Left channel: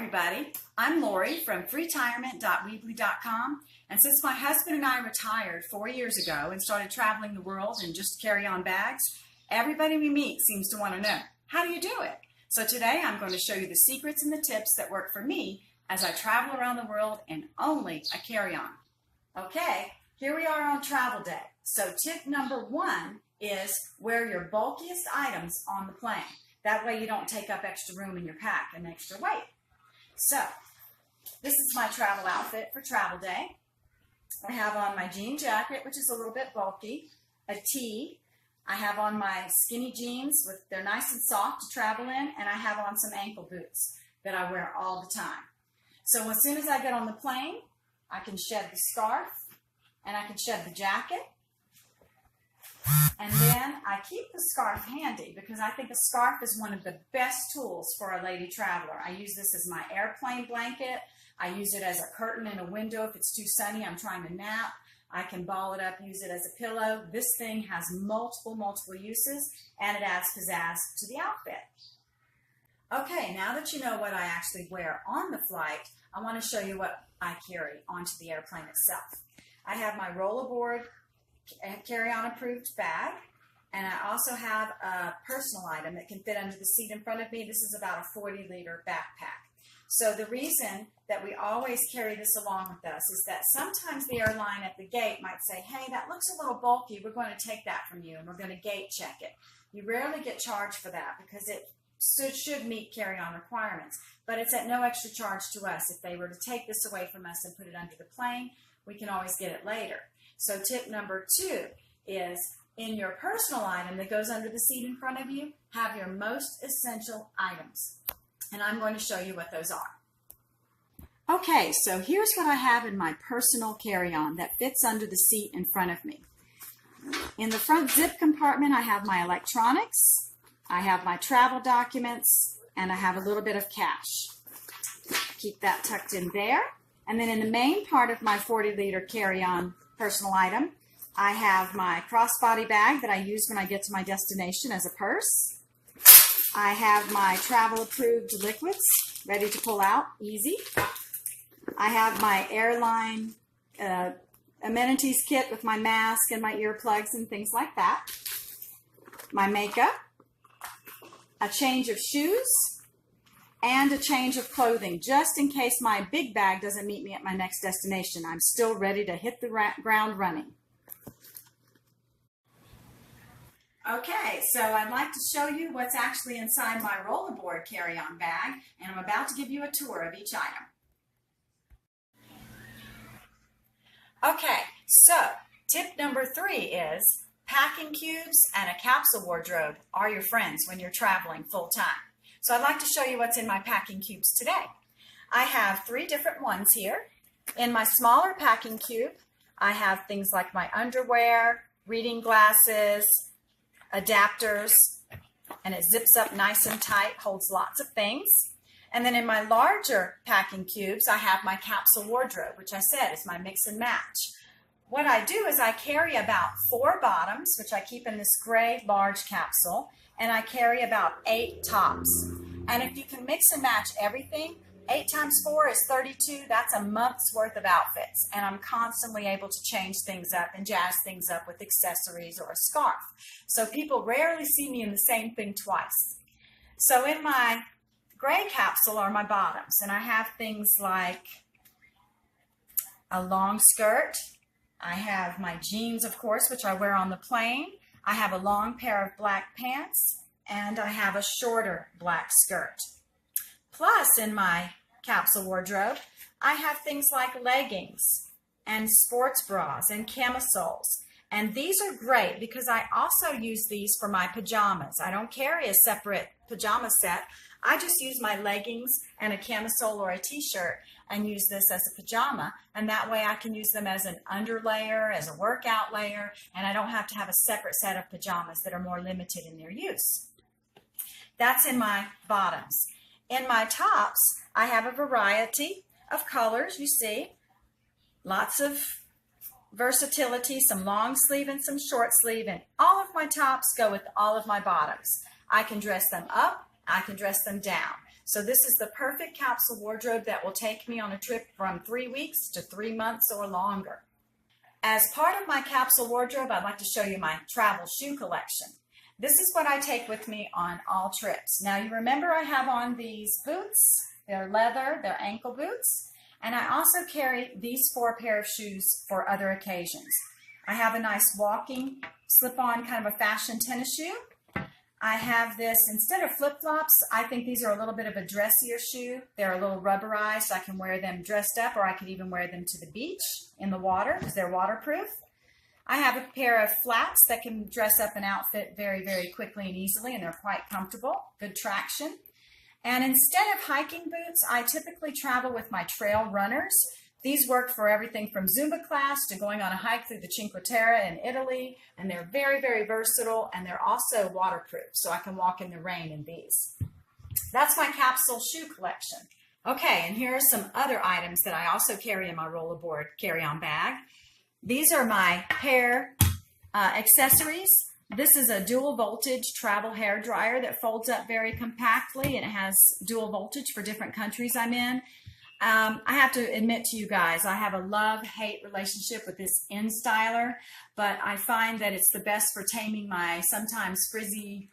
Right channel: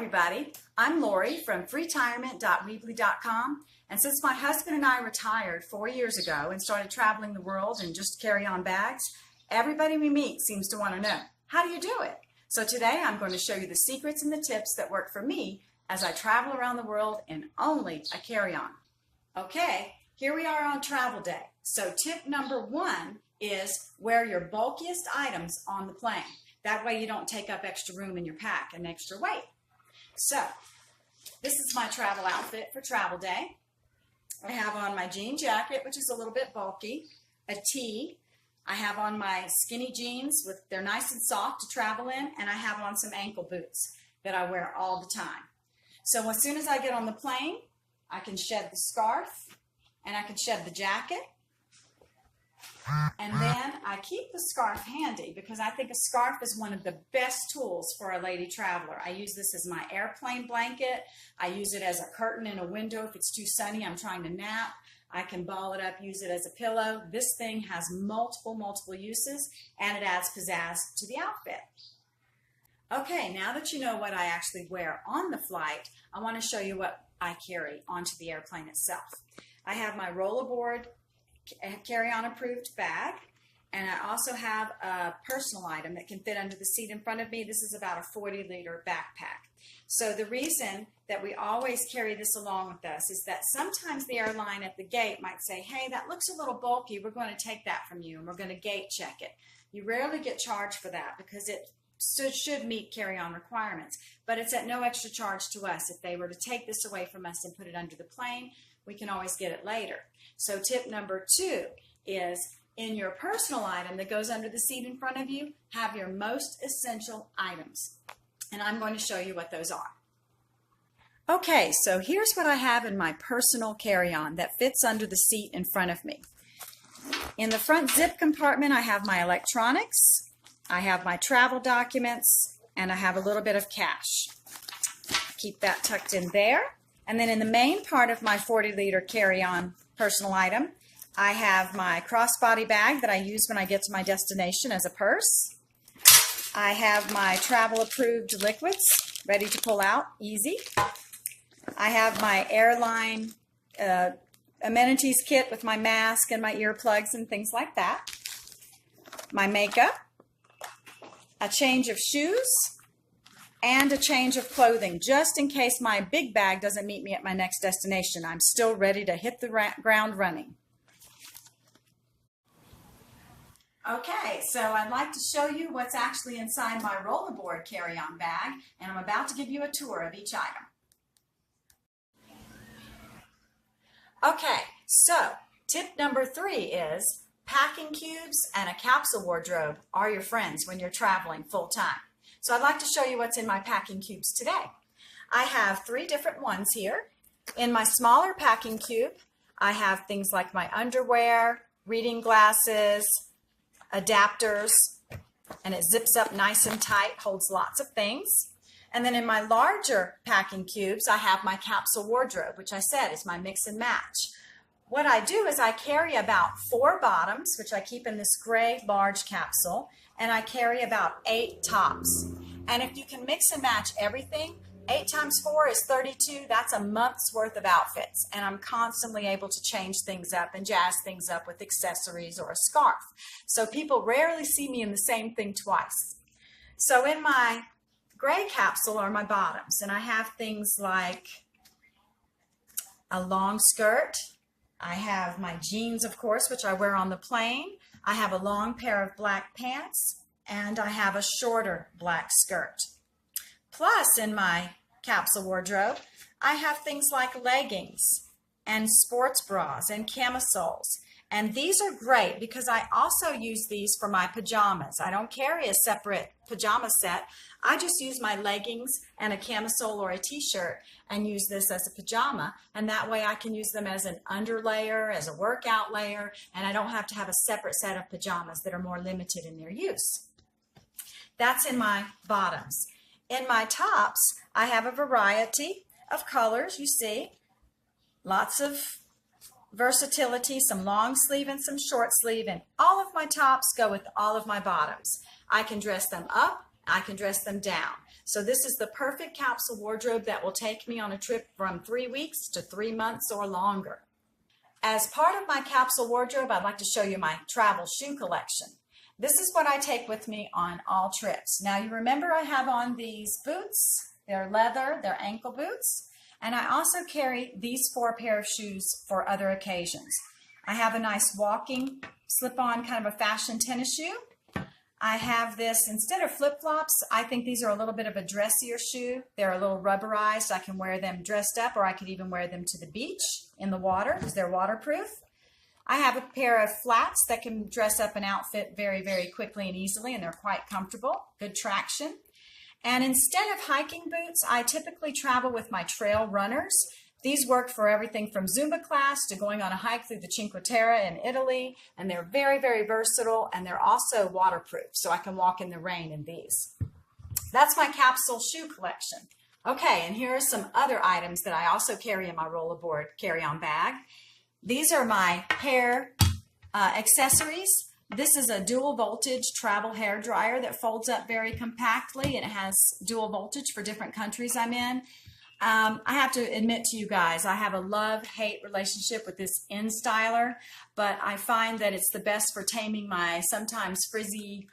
everybody, I'm Lori from freetirement.weebly.com, and since my husband and I retired 4 years ago and started traveling the world in just carry-on bags, everybody we meet seems to want to know, how do you do it? So today I'm going to show you the secrets and the tips that work for me as I travel around the world in only a carry-on. Okay, here we are on travel day. So tip number 1 is wear your bulkiest items on the plane. That way you don't take up extra room in your pack and extra weight. So, this is my travel outfit for travel day. I have on my jean jacket, which is a little bit bulky, a tee. I have on my skinny jeans, they're nice and soft to travel in, and I have on some ankle boots that I wear all the time. So as soon as I get on the plane, I can shed the scarf, and I can shed the jacket. And then I keep the scarf handy because I think a scarf is one of the best tools for a lady traveler. I use this as my airplane blanket. I use it as a curtain in a window if it's too sunny, I'm trying to nap. I can ball it up, use it as a pillow. This thing has multiple uses, and it adds pizzazz to the outfit. Okay, now that you know what I actually wear on the flight, I want to show you what I carry onto the airplane itself. I have my rollerboard carry-on approved bag, and I also have a personal item that can fit under the seat in front of me. This is about a 40-liter backpack. So the reason that we always carry this along with us is that sometimes the airline at the gate might say, hey, that looks a little bulky, we're going to take that from you and we're going to gate check it. You rarely get charged for that because it should meet carry-on requirements, but it's at no extra charge to us. If they were to take this away from us and put it under the plane, we can always get it later. So tip number 2 is in your personal item that goes under the seat in front of you, have your most essential items. And I'm going to show you what those are. Okay, so here's what I have in my personal carry-on that fits under the seat in front of me. In the front zip compartment, I have my electronics, I have my travel documents, and I have a little bit of cash. Keep that tucked in there. And then in the main part of my 40-liter carry-on personal item, I have my crossbody bag that I use when I get to my destination as a purse. I have my travel approved liquids ready to pull out, easy. I have my airline amenities kit with my mask and my earplugs and things like that. My makeup, a change of shoes, and a change of clothing, just in case my big bag doesn't meet me at my next destination. I'm still ready to hit the ground running. Okay, so I'd like to show you what's actually inside my rollerboard carry-on bag, and I'm about to give you a tour of each item. Okay, so tip number 3 is packing cubes and a capsule wardrobe are your friends when you're traveling full-time. So I'd like to show you what's in my packing cubes today. I have 3 different ones here. In my smaller packing cube, I have things like my underwear, reading glasses, adapters, and it zips up nice and tight, holds lots of things. And then in my larger packing cubes, I have my capsule wardrobe, which I said is my mix and match. What I do is I carry about 4 bottoms, which I keep in this gray large capsule, and I carry about 8 tops. And if you can mix and match everything, 8 times 4 is 32. That's a month's worth of outfits. And I'm constantly able to change things up and jazz things up with accessories or a scarf. So people rarely see me in the same thing twice. So in my gray capsule are my bottoms. And I have things like a long skirt. I have my jeans, of course, which I wear on the plane. I have a long pair of black pants. And I have a shorter black skirt. Plus, in my capsule wardrobe, I have things like leggings and sports bras and camisoles. And these are great because I also use these for my pajamas. I don't carry a separate pajama set. I just use my leggings and a camisole or a t-shirt and use this as a pajama. And that way I can use them as an underlayer, as a workout layer, and I don't have to have a separate set of pajamas that are more limited in their use. That's in my bottoms. In my tops, I have a variety of colors, you see. Lots of versatility, some long sleeve and some short sleeve, and all of my tops go with all of my bottoms. I can dress them up, I can dress them down. So this is the perfect capsule wardrobe that will take me on a trip from 3 weeks to 3 months or longer. As part of my capsule wardrobe, I'd like to show you my travel shoe collection. This is what I take with me on all trips. Now you remember I have on these boots. They're leather, they're ankle boots. And I also carry these 4 pair of shoes for other occasions. I have a nice walking slip-on kind of a fashion tennis shoe. I have this, instead of flip-flops, I think these are a little bit of a dressier shoe. They're a little rubberized. I can wear them dressed up, or I could even wear them to the beach in the water because they're waterproof. I have a pair of flats that can dress up an outfit very, very quickly and easily, and they're quite comfortable, good traction. And instead of hiking boots, I typically travel with my trail runners. These work for everything from Zumba class to going on a hike through the Cinque Terre in Italy, and they're very, very versatile, and they're also waterproof, so I can walk in the rain in these. That's my capsule shoe collection. Okay, and here are some other items that I also carry in my rollerboard carry-on bag. These are my hair accessories. This is a dual voltage travel hair dryer that folds up very compactly, and it has dual voltage for different countries I'm in. I have to admit to you guys, I have a love-hate relationship with this InStyler, but I find that it's the best for taming my sometimes frizzy,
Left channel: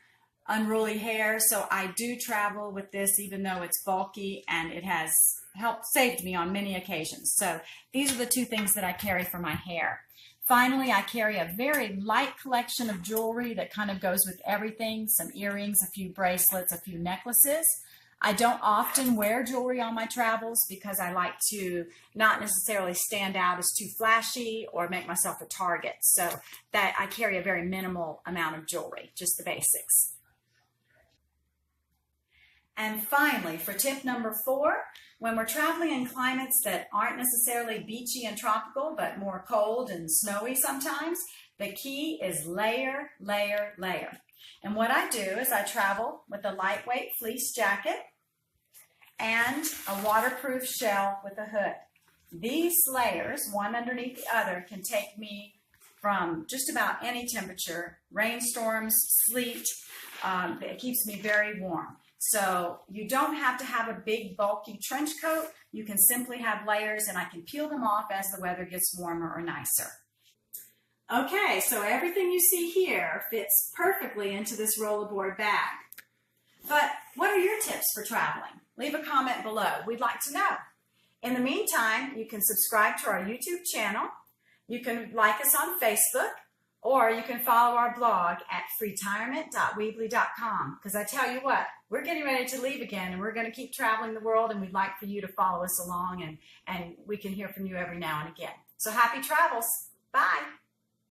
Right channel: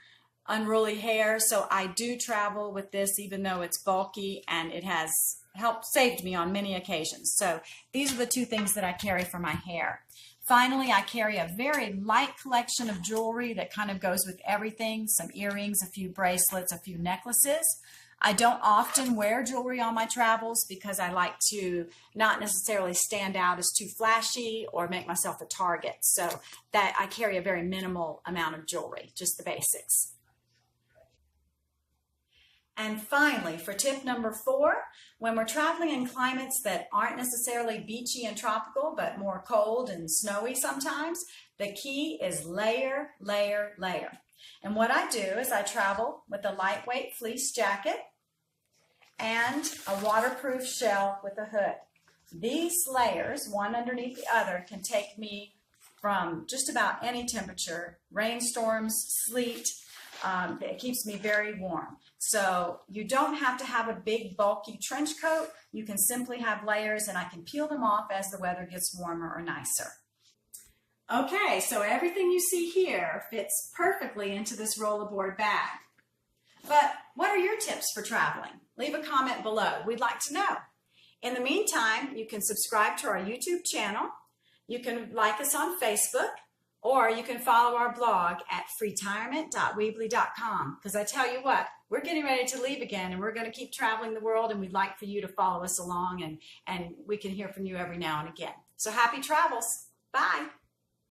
unruly hair. So I do travel with this, even though it's bulky, and it has saved me on many occasions. So these are the 2 things that I carry for my hair. Finally, I carry a very light collection of jewelry that kind of goes with everything, some earrings, a few bracelets, a few necklaces. I don't often wear jewelry on my travels because I like to not necessarily stand out as too flashy or make myself a target. So that I carry a very minimal amount of jewelry, just the basics. And finally, for tip number 4, when we're traveling in climates that aren't necessarily beachy and tropical, but more cold and snowy sometimes, the key is layer, layer, layer. And what I do is I travel with a lightweight fleece jacket and a waterproof shell with a hood. These layers, one underneath the other, can take me from just about any temperature, rainstorms, sleet. It keeps me very warm. So you don't have to have a big bulky trench coat. You can simply have layers, and I can peel them off as the weather gets warmer or nicer. Okay, so everything you see here fits perfectly into this rollerboard bag. But what are your tips for traveling? Leave a comment below. We'd like to know. In the meantime, you can subscribe to our YouTube channel. You can like us on Facebook, or you can follow our blog at freetirement.weebly.com. Because I tell you what, we're getting ready to leave again, and we're going to keep traveling the world, and we'd like for you to follow us along, and we can hear from you every now and again. So happy travels. Bye.